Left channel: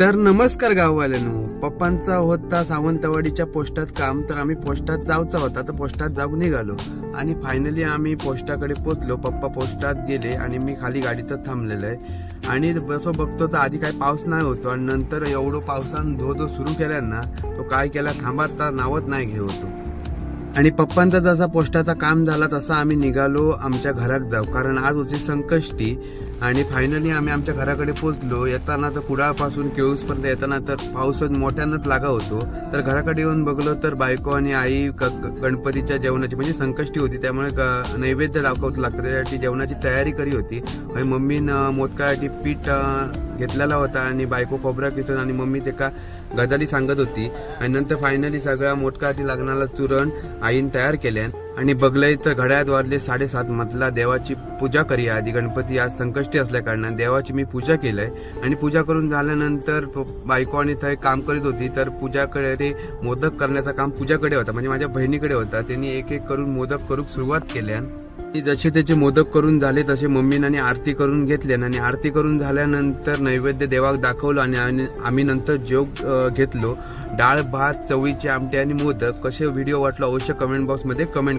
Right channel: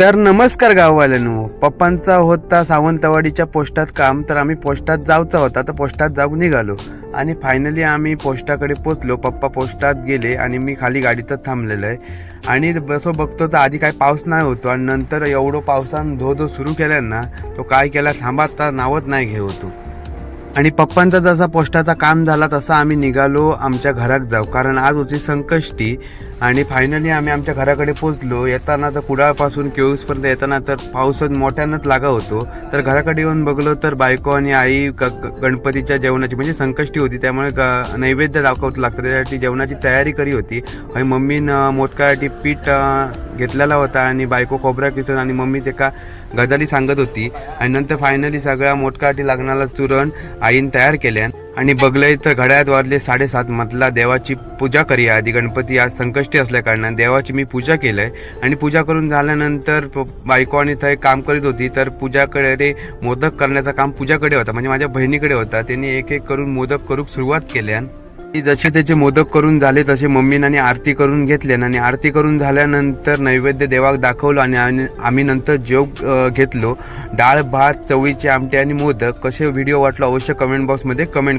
तर नमस्कार गाववाल्यांनो, पप्पांचा होता सावंतवाडीच्या पोस्टात काम, तर आम्ही पोस्टात जाऊचा होता, तर पोस्टात जाऊन निघालो आणि फायनली आम्ही पोस्टाकडे पोचलो. पप्पा पोस्टात गेले आणि मी खाली गाडीतच थांबलेलो आहे आणि बसो बघतो तर आधी काही पाऊस नाही होतो आणि नंतर एवढं पावसानं धो सुरू केलं ना, तो काय केला थांबाता नावत नाही घेऊ होतो. आणि पप्पांचा जसा पोस्टाचा काम झाला तसा आम्ही निघालो आमच्या घरात जाऊ, कारण आज होती संकष्टी. आणि फायनली आम्ही आमच्या घराकडे पोचलो. येताना तर कुडाळपासून केळूसपर्यंत येताना तर पाऊसच मोठ्यानंच लागा होतो. तर घराकडे येऊन बघलो तर बायको आणि आई गणपतीच्या जेवणाची म्हणजे संकष्टी होती, त्यामुळे नैवेद्य दाखवत लागतं, त्यासाठी जेवणाची तयारी करी होती. आणि मम्मीनं मोदकासाठी पीठ घेतलेला होता आणि बायको खोबरा किसून आणि मम्मी ते का गजाली सांगत होती. आणि नंतर फायनली सगळ्या मोदकासाठी लागणारा चुरण आईन तयार केल्यान आणि बघलंय तर घड्याळात वाजले 7:30. म्हटला देवाची पूजा करूया आधी, गणपती आज संकष्टी असल्या कारणाने देवाची मी पूजा केलंय. आणि पूजा करून झाल्यानंतर बायको आणि थंय काम करीत होती, तर पूजाकडे मोदक करण्याचा काम पूजाकडे होता, म्हणजे माझ्या बहिणीकडे होता. त्यांनी एक एक करून मोदक करूक सुरुवात केल्यान. जसे त्याचे मोदक करून झाले तसे मम्मीने आरती करून घेतले आणि आरती करून झाल्यानंतर नैवेद्य देवाक दाखवलं आणि आम्ही नंतर जेव घेतलो. डाळ भात, चवळीचे आमटे आणि मोदक. कसे व्हिडिओ वाटला अवश्य कमेंट बॉक्समध्ये कमेंट